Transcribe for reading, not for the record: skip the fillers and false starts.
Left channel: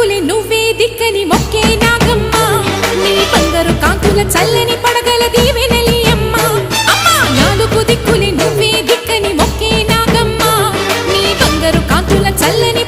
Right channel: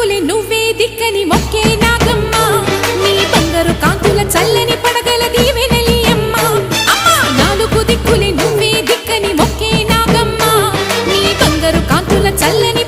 దిక్కులే నువ్వే దిక్కని మొక్కే నాగమ్మ నీ బంగారు కాంతుల చల్లని పడగల దీవెనలి అమ్మ అమ్మా నాలుగు దిక్కులే నువ్వే దిక్కని మొక్కే నాగమ్మ నీ బంగారు కాంతుల చల్లని